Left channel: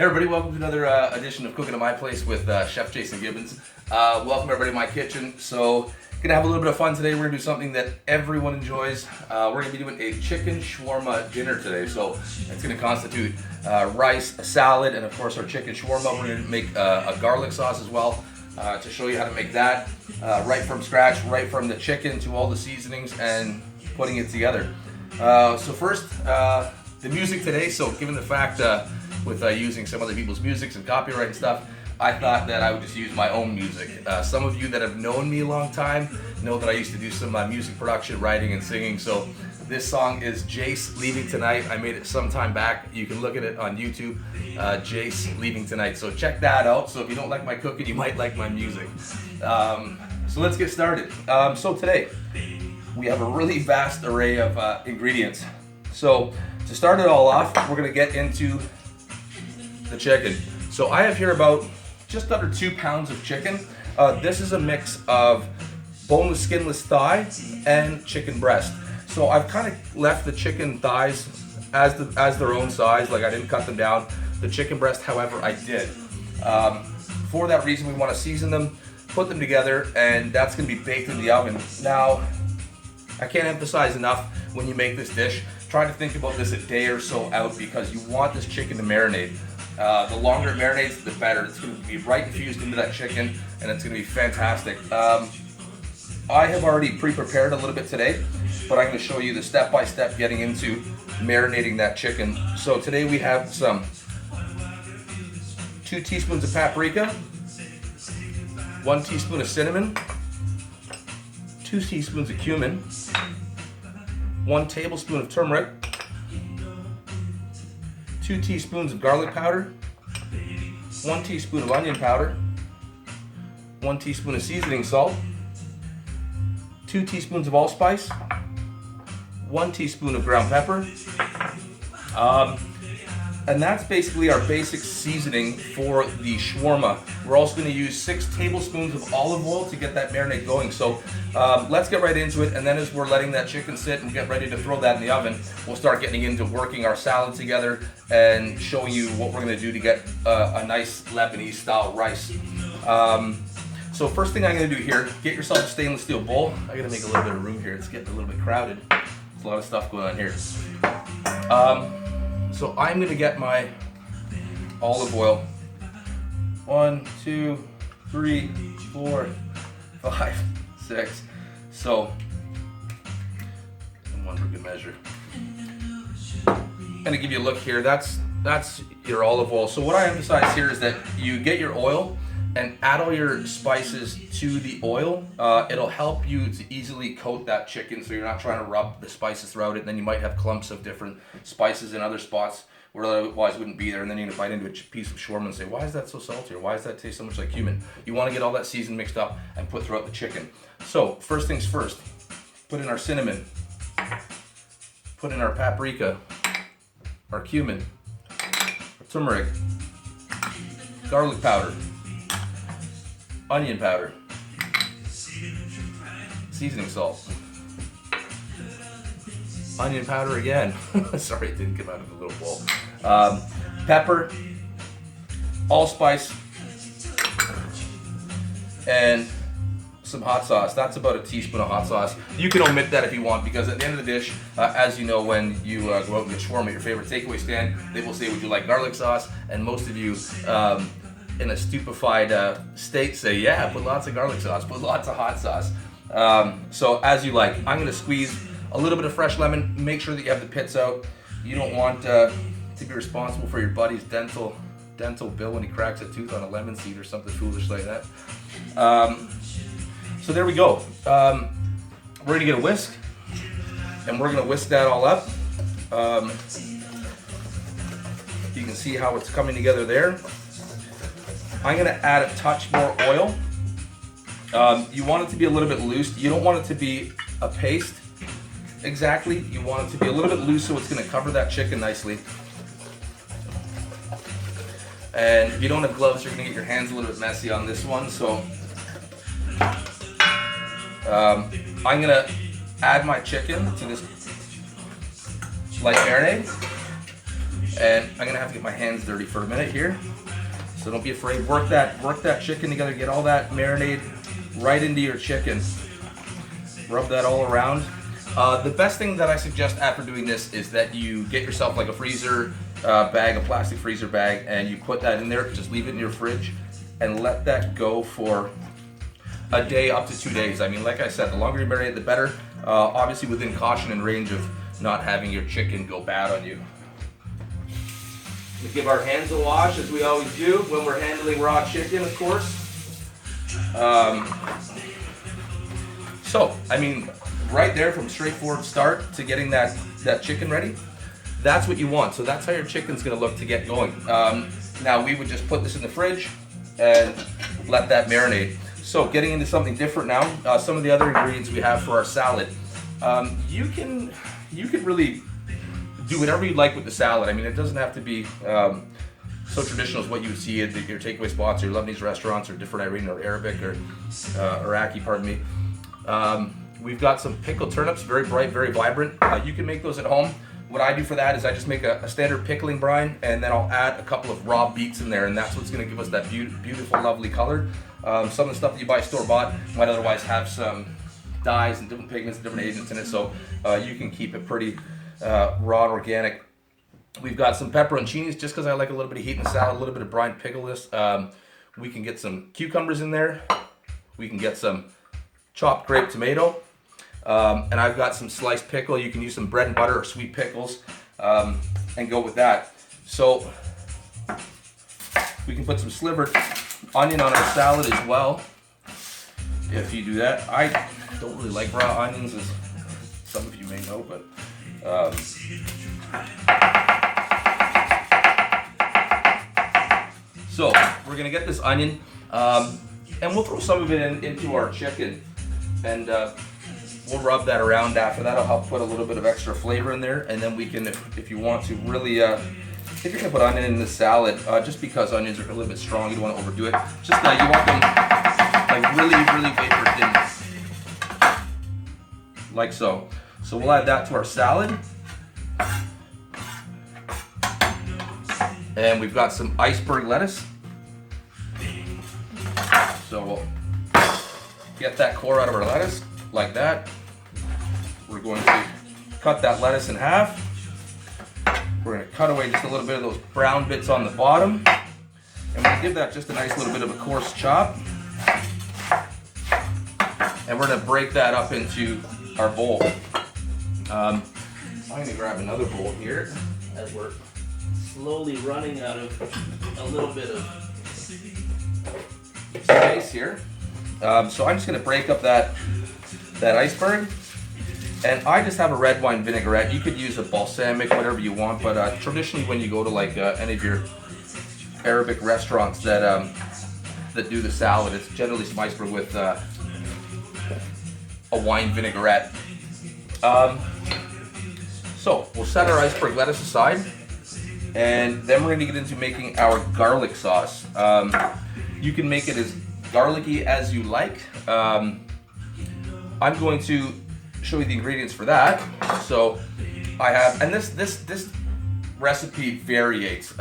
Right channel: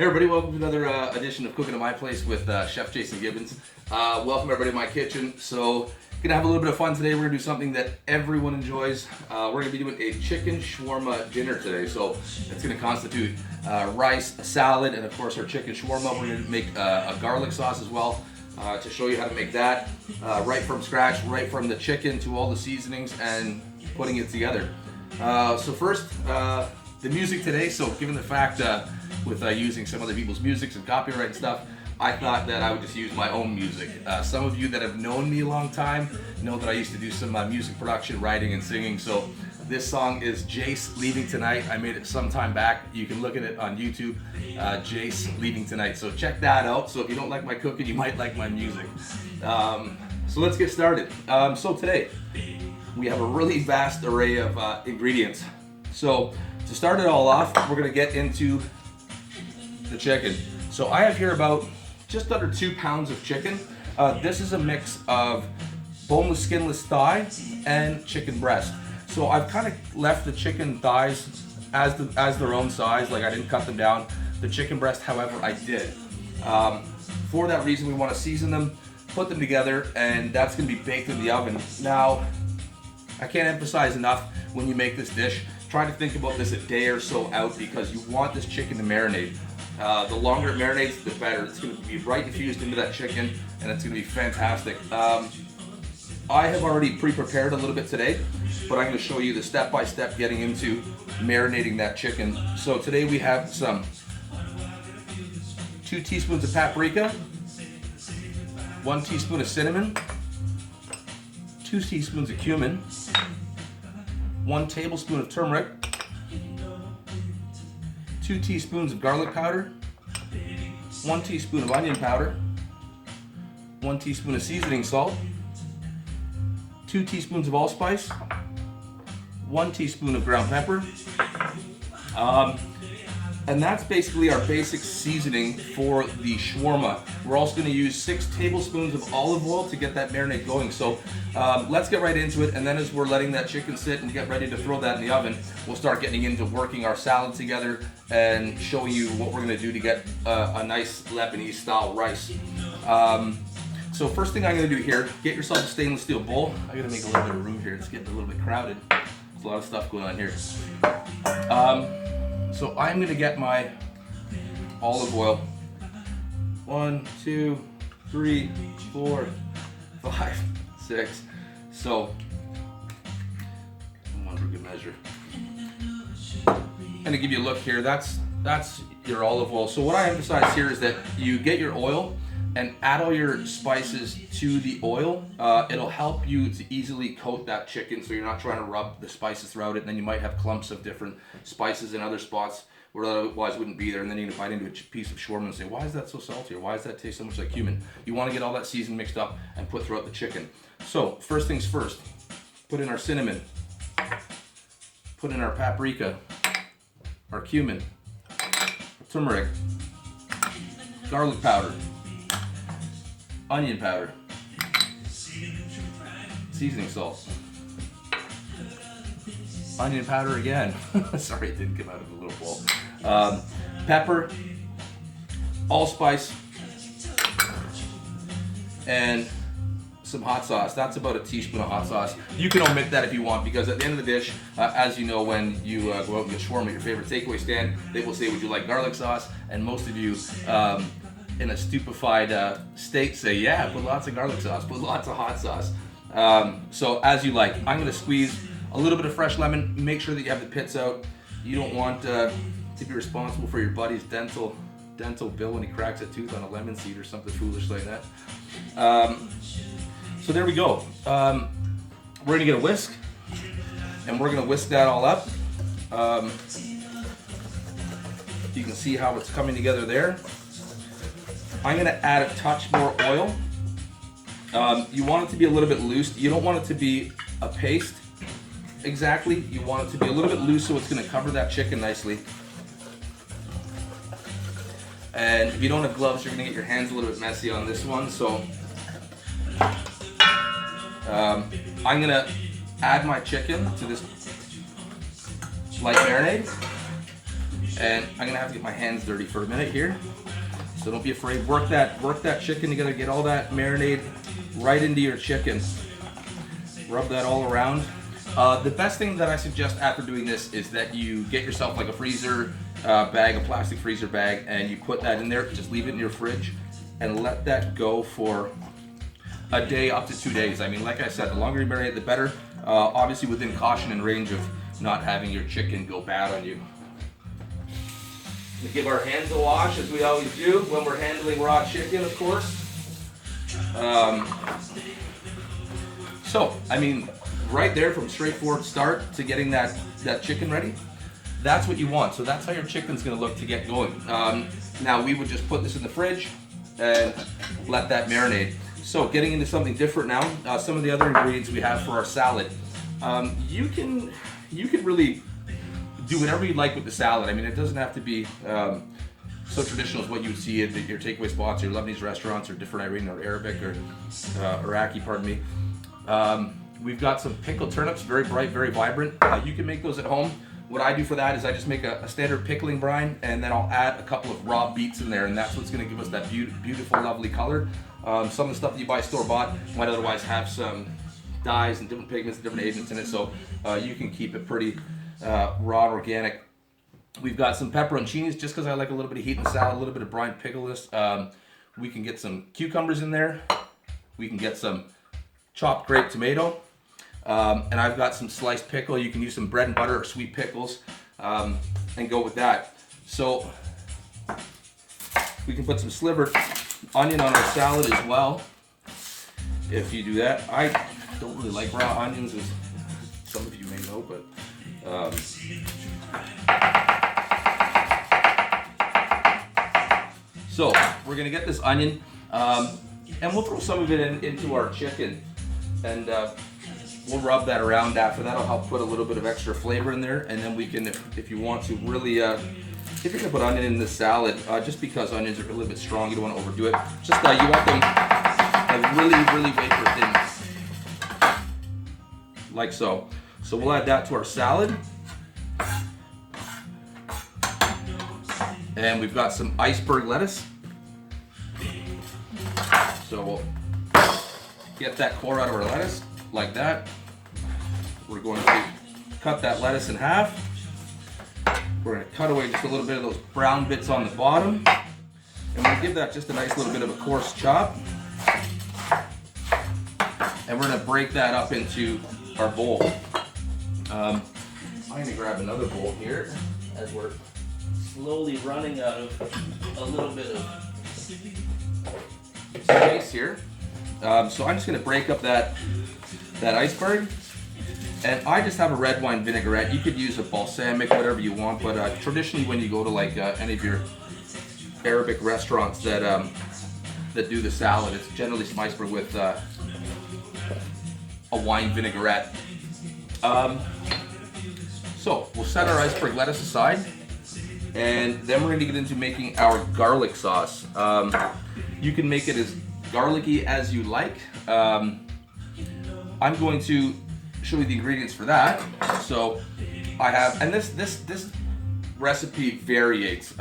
Hey everybody, welcome to another edition of Cooking at My Place with Chef Jason Gibbons. Welcome everybody to my kitchen. So, gonna have a little bit of fun today. We're gonna do something that everyone enjoys. We're gonna be doing a chicken shawarma dinner today. So, it's gonna constitute rice, a salad, and of course our chicken shawarma. We're gonna make a garlic sauce as well to show you how to make that right from scratch, right from the chicken to all the seasonings and putting it together. So first, the music today. So, given the fact with using some other people's music and copyright and stuff, I thought that I would just use my own music. Some of you that have known me a long time know that I used to do some music production, writing, and singing. So this song is Jace Leaving Tonight. I made it some time back. You can look at it on YouTube, Jace Leaving Tonight. So check that out. So if you don't like my cooking, you might like my music. So let's get started. So today, we have a really vast array of ingredients. So to start it all off, we're gonna get into the chicken. So I have here about just under 2 pounds of chicken. This is a mix of boneless, skinless thigh and chicken breast. So I've kind of left the chicken thighs as their own size, like I didn't cut them down. The chicken breast, however, I did. For that reason, we want to season them, put them together, and that's going to be baked in the oven. Now, I can't emphasize enough when you make this dish, try to think about this a day or so out because you want this chicken to marinate. The longer it marinates, the better. It's going to be right infused into that chicken, and it's going to be fantastic. I have already pre-prepared a little bit today, but I'm going to show you the step-by-step getting into marinating that chicken. So today we have some 2 teaspoons of paprika, 1 teaspoon of cinnamon, 2 teaspoons of cumin, 1 tablespoon of turmeric, 2 teaspoons of garlic powder, 1 teaspoon of onion powder, 1 teaspoon of seasoning salt, 2 teaspoons of allspice, 1 teaspoon of ground pepper, and that's basically our basic seasoning for the shawarma. We're also going to use 6 tablespoons of olive oil to get that marinade going. So let's get right into it, and then as we're letting that chicken sit and get ready to throw that in the oven, we'll start getting into working our salad together and showing you what we're going to do to get a nice Lebanese style rice. So first thing I'm going to do here, get yourself a stainless steel bowl. I got to make a little bit of room here. It's getting a little bit crowded. There's a lot of stuff going on here. So I'm going to get my olive oil. 1, 2, 3, 4, 5, 6. So, one for good measure. And to give you a look here, that's your olive oil. So what I emphasize here is that you get your oil and add all your spices to the oil. It'll help you to easily coat that chicken so you're not trying to rub the spices throughout it, and then you might have clumps of different spices in other spots where otherwise wouldn't be there, and then you're gonna bite into a piece of shawarma and say, why is that so salty, or why does that taste so much like cumin? You wanna get all that season mixed up and put throughout the chicken. So, first things first, put in our cinnamon, put in our paprika, our cumin, our turmeric, garlic powder, onion powder, seasoning salt, onion powder again. Sorry, it didn't come out of the little bowl. Pepper, allspice, and some hot sauce. That's about a teaspoon of hot sauce. You can omit that if you want, because at the end of the dish, as you know, when you go out and get shawarma at your favorite takeaway stand, they will say, would you like garlic sauce? And most of you, in a stupefied state, say, yeah, put lots of garlic sauce, put lots of hot sauce. So as you like. I'm gonna squeeze a little bit of fresh lemon. Make sure that you have the pits out. You don't want to be responsible for your buddy's dental bill when he cracks a tooth on a lemon seed or something foolish like that. So there we go. We're gonna get a whisk, and we're gonna whisk that all up. You can see how it's coming together there. I'm gonna add a touch more oil. You want it to be a little bit loose. You don't want it to be a paste exactly. You want it to be a little bit loose so it's gonna cover that chicken nicely. And if you don't have gloves, you're gonna get your hands a little bit messy on this one. So I'm gonna add my chicken to this light marinade. And I'm gonna have to get my hands dirty for a minute here. So don't be afraid. Work that chicken. You gotta get all that marinade right into your chicken. Rub that all around. The best thing that I suggest after doing this is that you get yourself like a freezer bag, a plastic freezer bag, and you put that in there. Just leave it in your fridge and let that go for a day up to 2 days. I mean, like I said, the longer you marinate, the better. Obviously within caution and range of not having your chicken go bad on you. We give our hands a wash, as we always do when we're handling raw chicken, of course. So, I mean, right there from straightforward start to getting that chicken ready, that's what you want. So that's how your chicken's gonna look to get going. Now we would just put this in the fridge and let that marinate. So getting into something different now, some of the other ingredients we have for our salad. You can really do whatever you like with the salad. I mean, it doesn't have to be so traditional as what you would see at your takeaway spots or your Lebanese restaurants or different Iranian or Arabic or Iraqi, pardon me. We've got some pickled turnips, very bright, very vibrant. You can make those at home. What I do for that is I just make a standard pickling brine, and then I'll add a couple of raw beets in there, and that's what's gonna give us that beautiful, lovely color. Some of the stuff that you buy store-bought might otherwise have some dyes and different pigments, different agents in it, so you can keep it pretty raw and organic. We've got some pepperoncinis, just because I like a little bit of heat in the salad, a little bit of brine pickleness. We can get some cucumbers in there. We can get some chopped grape tomato. And I've got some sliced pickle. You can use some bread and butter or sweet pickles and go with that. So we can put some slivered onion on our salad as well. If you do that, I don't really like raw onions, as some of you may know, but so we're gonna get this onion, and we'll throw some of it into our chicken, and we'll rub that around after. That'll help put a little bit of extra flavor in there, and then we can, if you want to really, if you're gonna put onion in the salad, just because onions are a little bit strong, you don't want to overdo it. Just you want them like really vapor thin, like so. So we'll add that to our salad. And we've got some iceberg lettuce. So we'll get that core out of our lettuce, like that. We're going to cut that lettuce in half. We're going to cut away just a little bit of those brown bits on the bottom. And we'll give that just a nice little bit of a coarse chop. And we're going to break that up into our bowl. I'm going to grab another bowl here as we're slowly running out of a little bit of space here. So I'm just going to break up that iceberg, and I just have a red wine vinaigrette. You could use a balsamic, whatever you want, but traditionally when you go to like any of your Arabic restaurants that do the salad, it's generally some iceberg with a wine vinaigrette. So we'll set our iceberg lettuce aside, and then we're going to get into making our garlic sauce. You can make it as garlicky as you like. I'm going to show you the ingredients for that. So I have, and this recipe varies.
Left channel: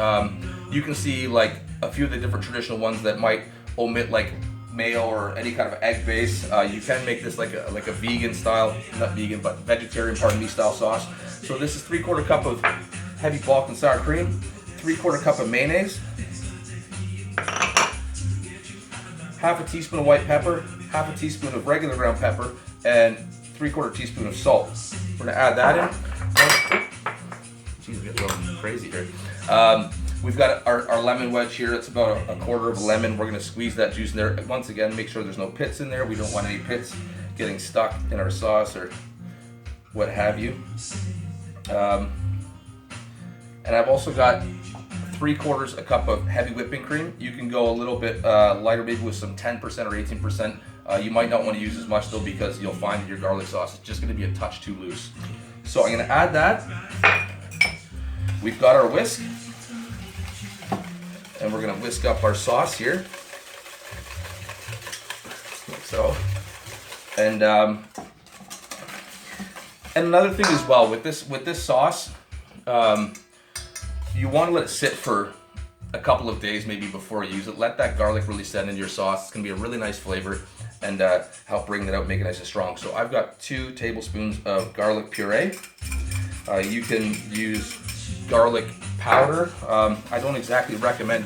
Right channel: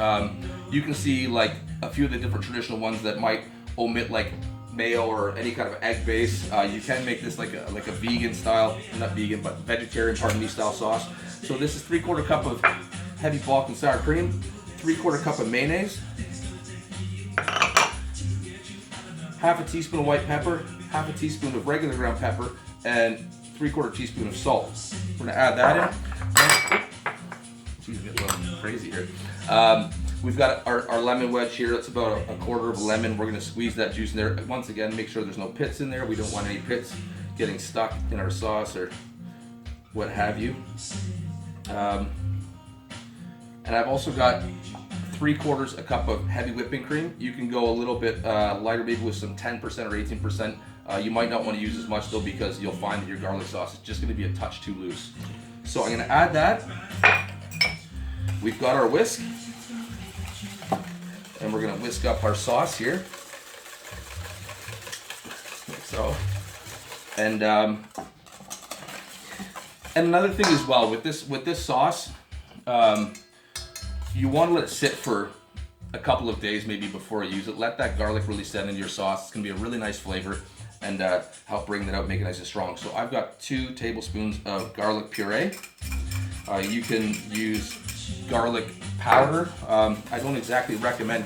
You can see like a few of the different traditional ones that might omit like mayo or any kind of egg base. You can make this like a vegan style, not vegan, but vegetarian, pardon me, style sauce. So this is 3/4 cup of heavy Balkan sour cream, 3/4 cup of mayonnaise, half a teaspoon of white pepper, half a teaspoon of regular ground pepper, and 3/4 teaspoon of salt. We're gonna add that in. Jeez, get a little crazy here. We've got our lemon wedge here. It's about a 1/4 of a lemon. We're gonna squeeze that juice in there. Once again, make sure there's no pits in there. We don't want any pits getting stuck in our sauce or what have you. And I've also got 3/4 a cup of heavy whipping cream. You can go a little bit lighter, maybe with some 10% or 18%. You might not want to use as much though, because you'll find that your garlic sauce is just going to be a touch too loose. So I'm going to add that. We've got our whisk, and we're going to whisk up our sauce here, like so. And another thing as well with this sauce, you want to let it sit for a couple of days maybe before you use it. Let that garlic really set into your sauce. It's gonna be a really nice flavor and help bring that out, make it nice and strong. So I've got 2 tablespoons of garlic puree. You can use garlic powder. I don't exactly recommend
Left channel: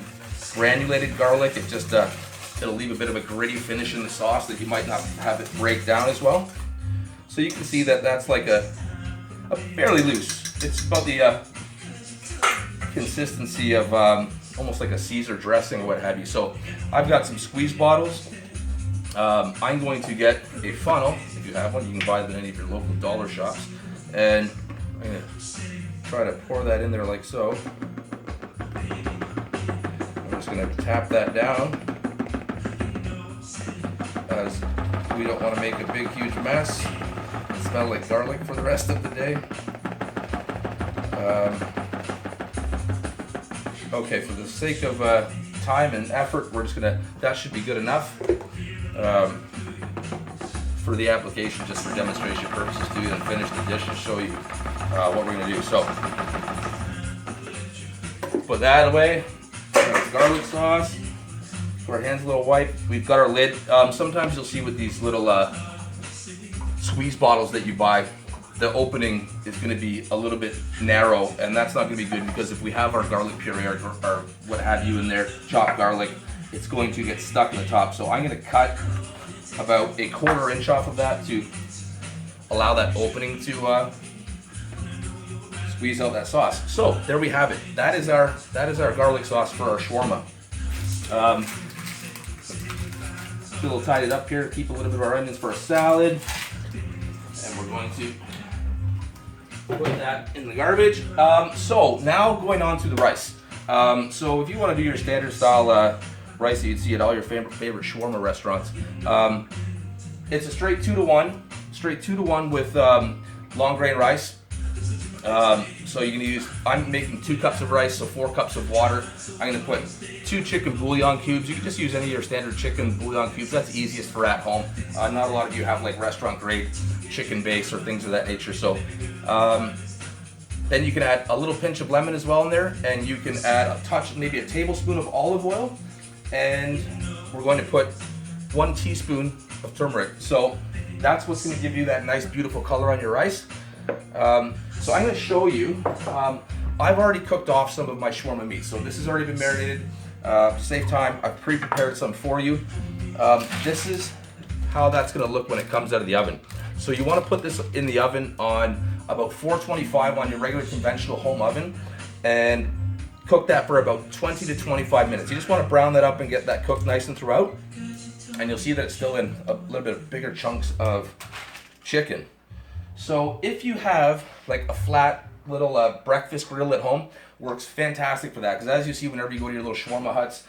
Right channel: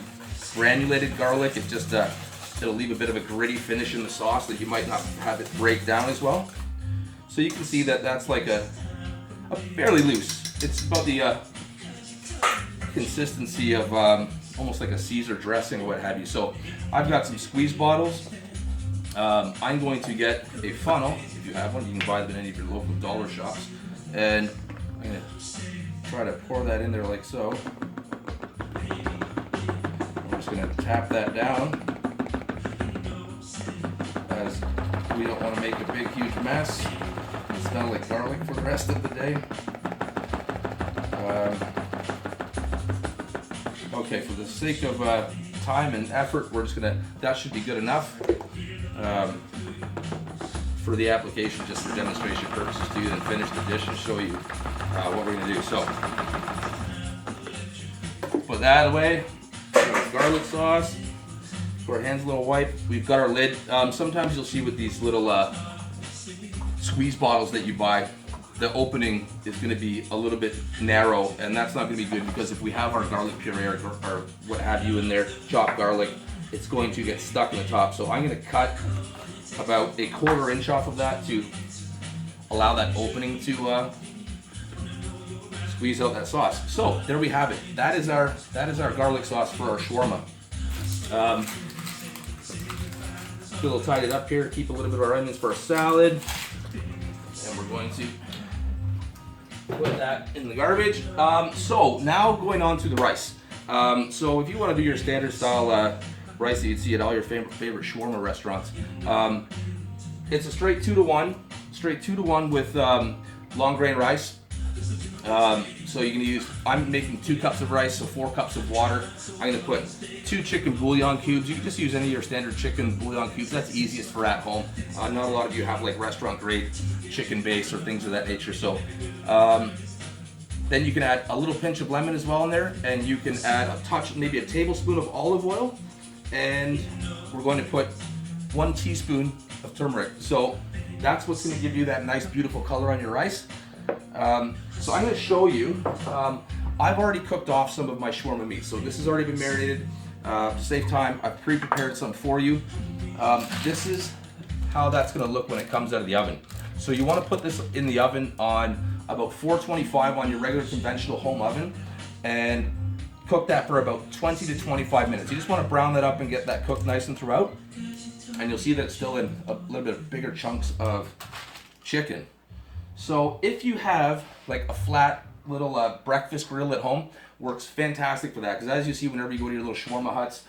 granulated garlic. It just it'll leave a bit of a gritty finish in the sauce that you might not have it break down as well. So you can see that that's like a fairly loose. It's about the consistency of almost like a Caesar dressing or what have you. So I've got some squeeze bottles. I'm going to get a funnel. If you have one, you can buy them at any of your local dollar shops. And I'm going to try to pour that in there like so. I'm just going to tap that down, as we don't want to make a big huge mess and smell like garlic for the rest of the day. Okay, for the sake of time and effort, we're just gonna, that should be good enough for the application, just for demonstration purposes, to then finish the dish and show you what we're gonna do. So, put that away, garlic sauce, our hands a little wiped. We've got our lid. Sometimes you'll see with these little squeeze bottles that you buy, the opening is going to be a little bit narrow, and that's not going to be good, because if we have our garlic puree or what have you in there, chopped garlic, it's going to get stuck in the top. So I'm going to cut about a 1/4 inch off of that to allow that opening to squeeze out that sauce. So there we have it. That is our garlic sauce for our shawarma. A little tied it up here to keep a little bit of our onions for a salad, and we're going to put that in the garbage. So now going on to the rice. So if you want to do your standard style rice that you'd see at all your favorite shawarma restaurants, it's a straight 2-to-1 with long grain rice. So you can use, I'm making 2 cups of rice, so 4 cups of water. I'm going to put 2 chicken bouillon cubes. You can just use any of your standard chicken bouillon cubes. That's easiest for at home. Not a lot of you have like restaurant grade chicken base or things of that nature. So then you can add a little pinch of lemon as well in there, and you can add a touch, maybe a tablespoon of olive oil, and we're going to put 1 teaspoon of turmeric. So that's what's going to give you that nice beautiful color on your rice. So I'm going to show you, I've already cooked off some of my shawarma meat, so this has already been marinated. To save time, I've pre-prepared some for you. This is how that's going to look when it comes out of the oven. So you want to put this in the oven on about 425 on your regular conventional home oven, and cook that for about 20 to 25 minutes. You just want to brown that up and get that cooked nice and throughout, and you'll see that it's still in a little bit of bigger chunks of chicken. So if you have like a flat little breakfast grill at home, works fantastic for that, because as you see whenever you go to your little shawarma huts,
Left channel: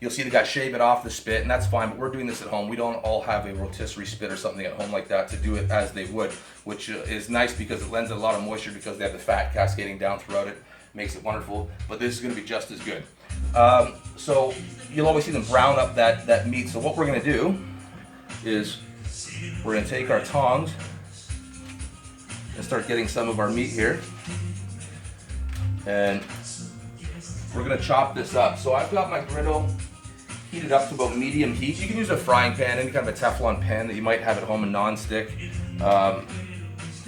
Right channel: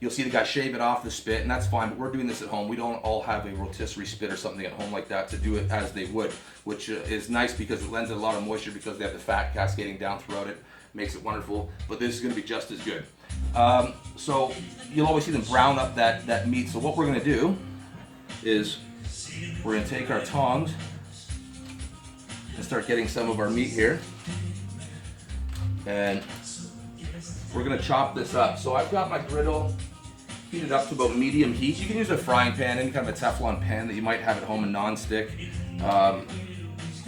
you'll see the guy shave it off the spit, and that's fine, but we're doing this at home. We don't all have a rotisserie spit or something at home like that to do it as they would, which is nice because it lends a lot of moisture, because they have the fat cascading down throughout it, makes it wonderful, but this is going to be just as good. So you'll always see them brown up that meat. So what we're going to do is we're going to take our tongs and start getting some of our meat here, and we're going to chop this up. So I've got my griddle heated up to about medium heat. You can use a frying pan, any kind of a Teflon pan that you might have at home, a non-stick,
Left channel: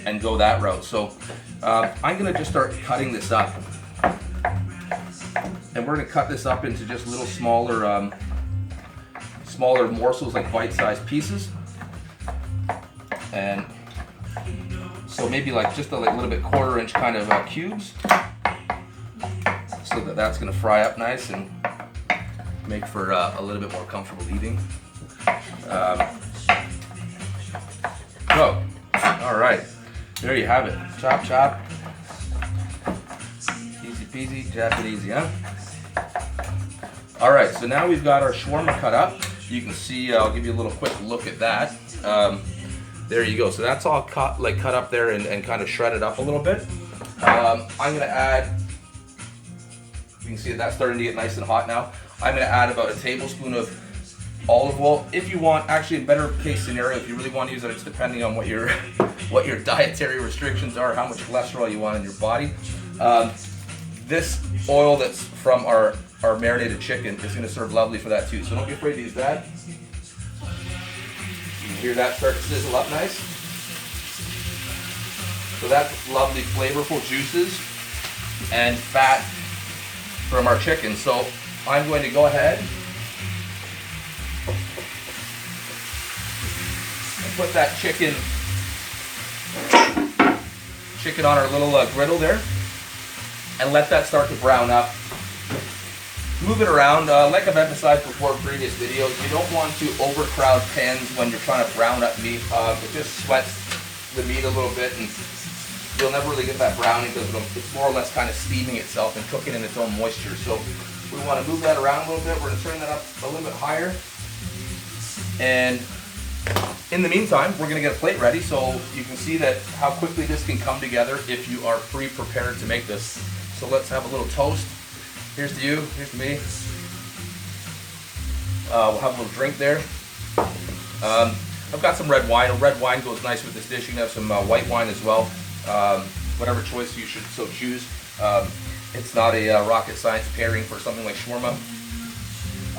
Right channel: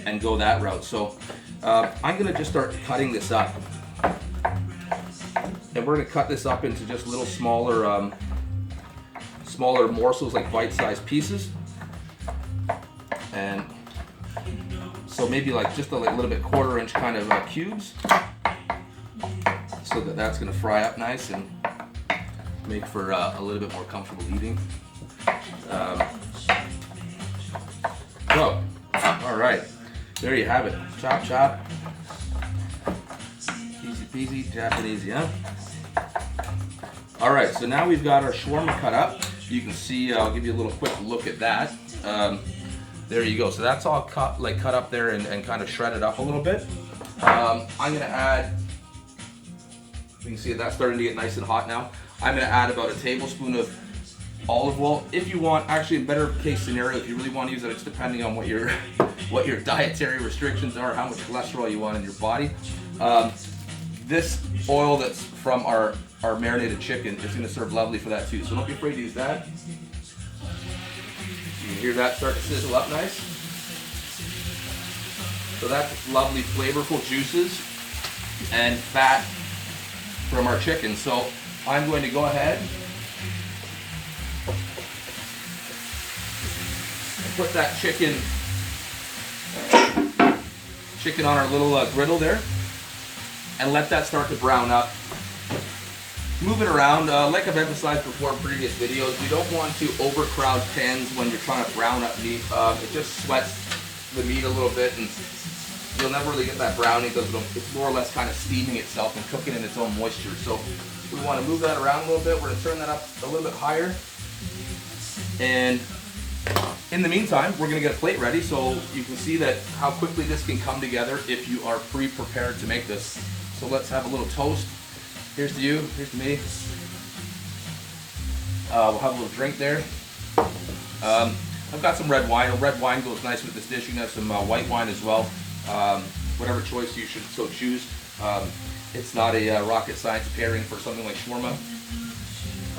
and go that route. So I'm going to just start cutting this up, and we're going to cut this up into just little smaller morsels, like bite-sized pieces. And so maybe like just a little bit 1/4 inch kind of cubes, so that's going to fry up nice and make for a little bit more comfortable eating. So, all right, there you have it. Chop, chop. Easy peasy, Japanese, yeah? All right, so now we've got our shawarma cut up. You can see, I'll give you a little quick look at that. There you go. So that's all cut up there and kind of shredded up a little bit. I'm going to add, you can see that's starting to get nice and hot now. I'm going to add about a tablespoon of olive oil. If you want, actually in better case scenario, if you really want to use it, it's depending on what your dietary restrictions are, how much cholesterol you want in your body. this oil that's from our marinated chicken is going to serve lovely for that too. So don't be afraid to use that. You can hear that start to sizzle up nice. So that's lovely flavorful juices and fat from our chicken. So I'm going to go ahead and put that chicken on our little griddle there and let that start to brown up. Move it around. Like I've emphasized before in previous videos, you don't want to overcrowd pans when you're trying to brown up meat. It just sweats the meat a little bit and you'll never really get that browning because it's more or less kind of steaming itself and cooking in its own moisture. So we want to move that around a little bit. We're going to turn that up a little bit higher. And in the meantime, we're going to get a plate ready so you can see that how quickly this can come together if you are pre-prepared to make this. So let's have a little toast. Here's to you, here's to me. We'll have a little drink there. I've got some red wine. Red wine goes nice with this dish. You can have some white wine as well. Whatever choice you should so choose. It's not a rocket science pairing for something like shawarma.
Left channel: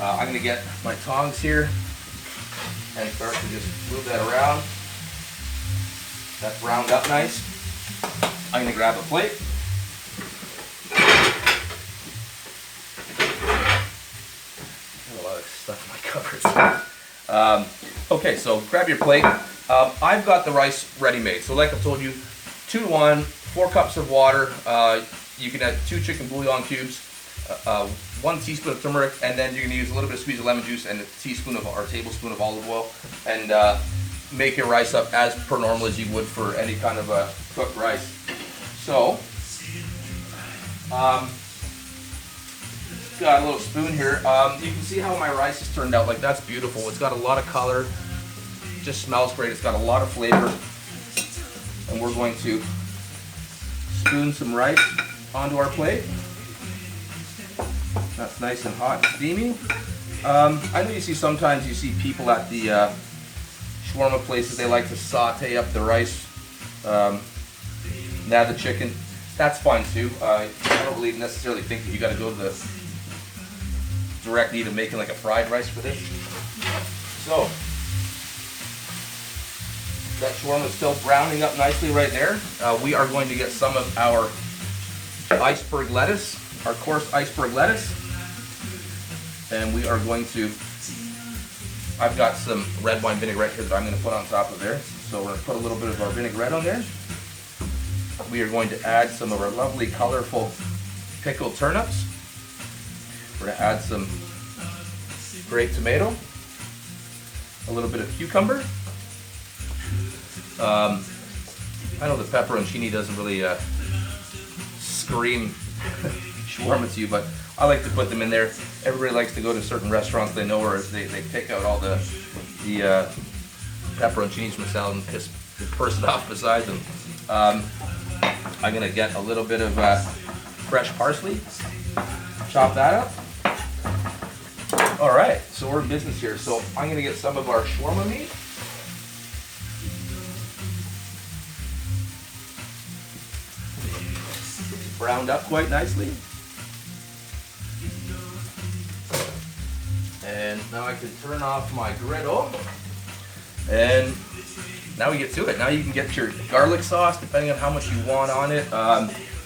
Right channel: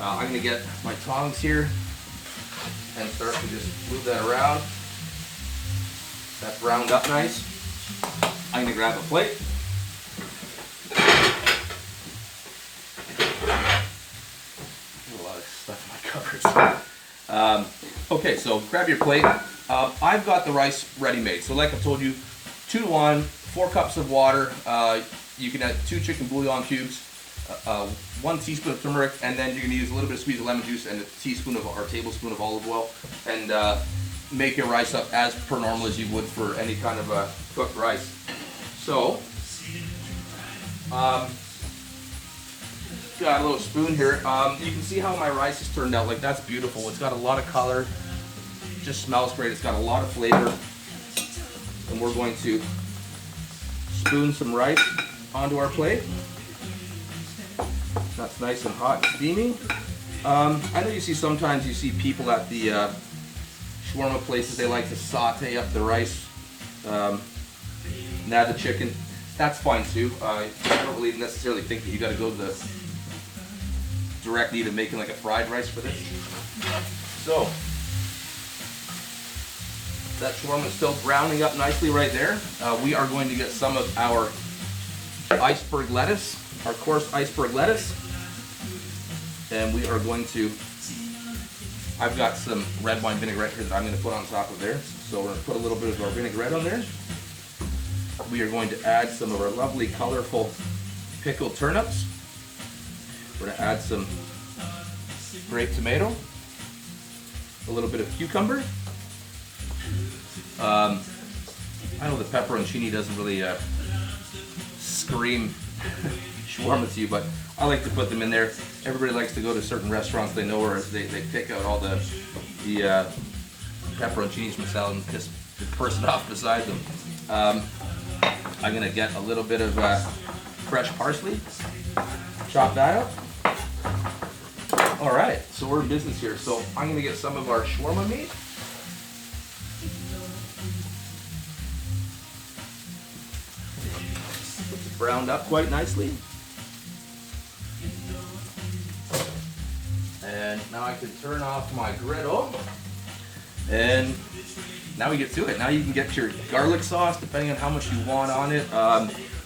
I'm going to get my tongs here and start to just move that around. That's browned up nice. I'm going to grab a plate. A lot of stuff in my cupboards. Okay, so grab your plate. I've got the rice ready made. So like I told you, 2 to 1, 4 cups of water. You can add 2 chicken bouillon cubes, 1 teaspoon of turmeric, and then you're going to use a little bit of squeeze of lemon juice and a teaspoon of or tablespoon of olive oil, and make your rice up as per normal as you would for any kind of cooked rice. So, got a little spoon here. You can see how my rice has turned out. Like, that's beautiful. It's got a lot of color. It just smells great. It's got a lot of flavor. And we're going to spoon some rice onto our plate. That's nice and hot and steamy. I know sometimes you see people at the shawarma places, they like to saute up the rice, add the chicken. That's fine too. I don't really necessarily think that you got to go to the direct need of making like a fried rice for this. So that shawarma is still browning up nicely right there. We are going to get some of our iceberg lettuce, our coarse iceberg lettuce, and we are going to, I've got some red wine vinaigrette here that I'm going to put on top of there. So we're going to put a little bit of our vinaigrette on there. We are going to add some of our lovely colorful pickled turnips. We're going to add some grape tomato, a little bit of cucumber. I know the pepperoncini doesn't really scream shawarma to you, but I like to put them in there. Everybody likes to go to certain restaurants they know where they pick out all the pepperoncinis from the salad and just burst it off beside them. I'm going to get a little bit of fresh parsley, chop that up. All right, so we're in business here. So I'm going to get some of our shawarma meat. Browned up quite nicely. And now I can turn off my griddle. And now we get to it. Now you can get your garlic sauce depending on how much you want on it.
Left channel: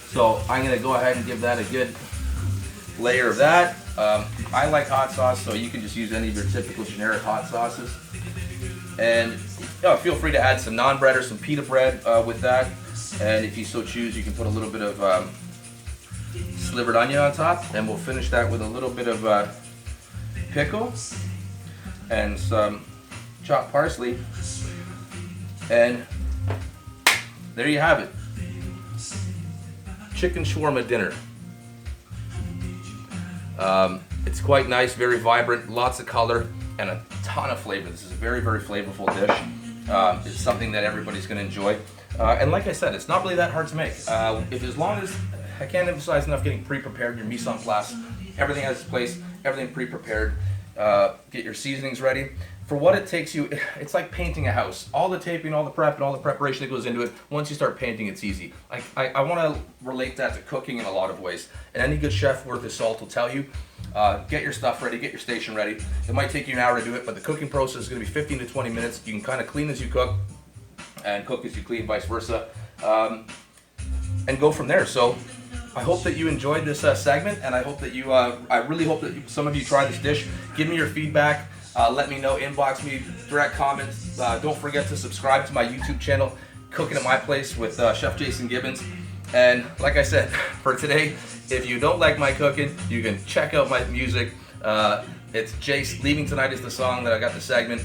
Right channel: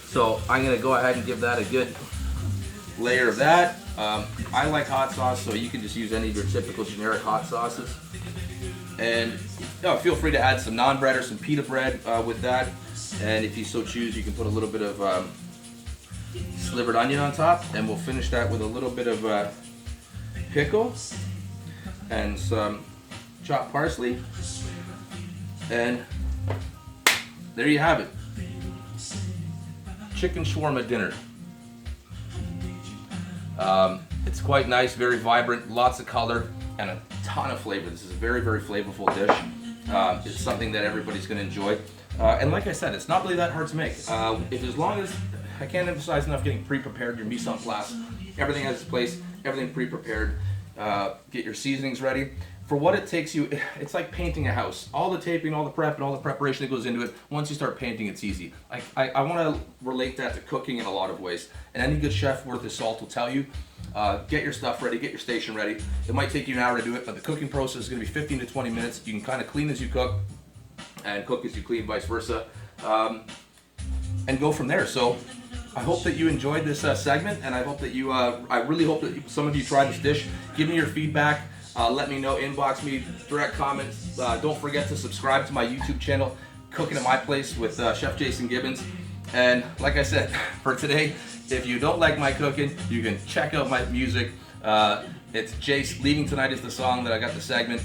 So I'm going to go ahead and give that a good layer of that. I like hot sauce, so you can just use any of your typical generic hot sauces. And feel free to add some naan bread or some pita bread with that. And if you so choose, you can put a little bit of slivered onion on top. And we'll finish that with a little bit of pickle and some chopped parsley. And there you have it. Chicken shawarma dinner. It's quite nice, very vibrant, lots of color, and a ton of flavor. This is a very, very flavorful dish. It's something that everybody's going to enjoy. And like I said, it's not really that hard to make. As long as, I can't emphasize enough getting pre-prepared, your mise en place, everything has its place, everything pre-prepared. Get your seasonings ready. for what it takes you, it's like painting a house. All the taping, all the prep, and all the preparation that goes into it, once you start painting, it's easy. I want to relate that to cooking in a lot of ways. And any good chef worth his salt will tell you, get your stuff ready, get your station ready. It might take you an hour to do it, but the cooking process is going to be 15 to 20 minutes. You can kind of clean as you cook and cook as you clean, vice versa, and go from there. So I hope that you enjoyed this segment, and I hope that you, I really hope that some of you try this dish. Give me your feedback. Let me know, inbox me, direct comments. Don't forget to subscribe to my YouTube channel, Cooking at My Place with Chef Jason Gibbons. And like I said, for today, if you don't like my cooking, you can check out my music. It's Jace, Leaving Tonight is the song that I got the segment.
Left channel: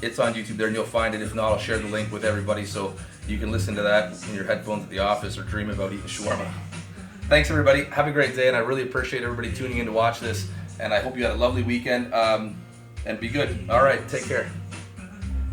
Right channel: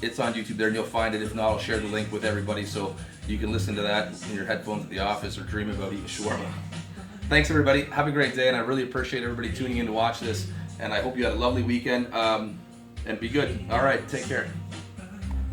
It's on YouTube there and you'll find it. If not, I'll share the link with everybody so you can listen to that in your headphones at the office or dream about eating shawarma. Thanks everybody, have a great day, and I really appreciate everybody tuning in to watch this, and I hope you had a lovely weekend. And be good. All right, take care.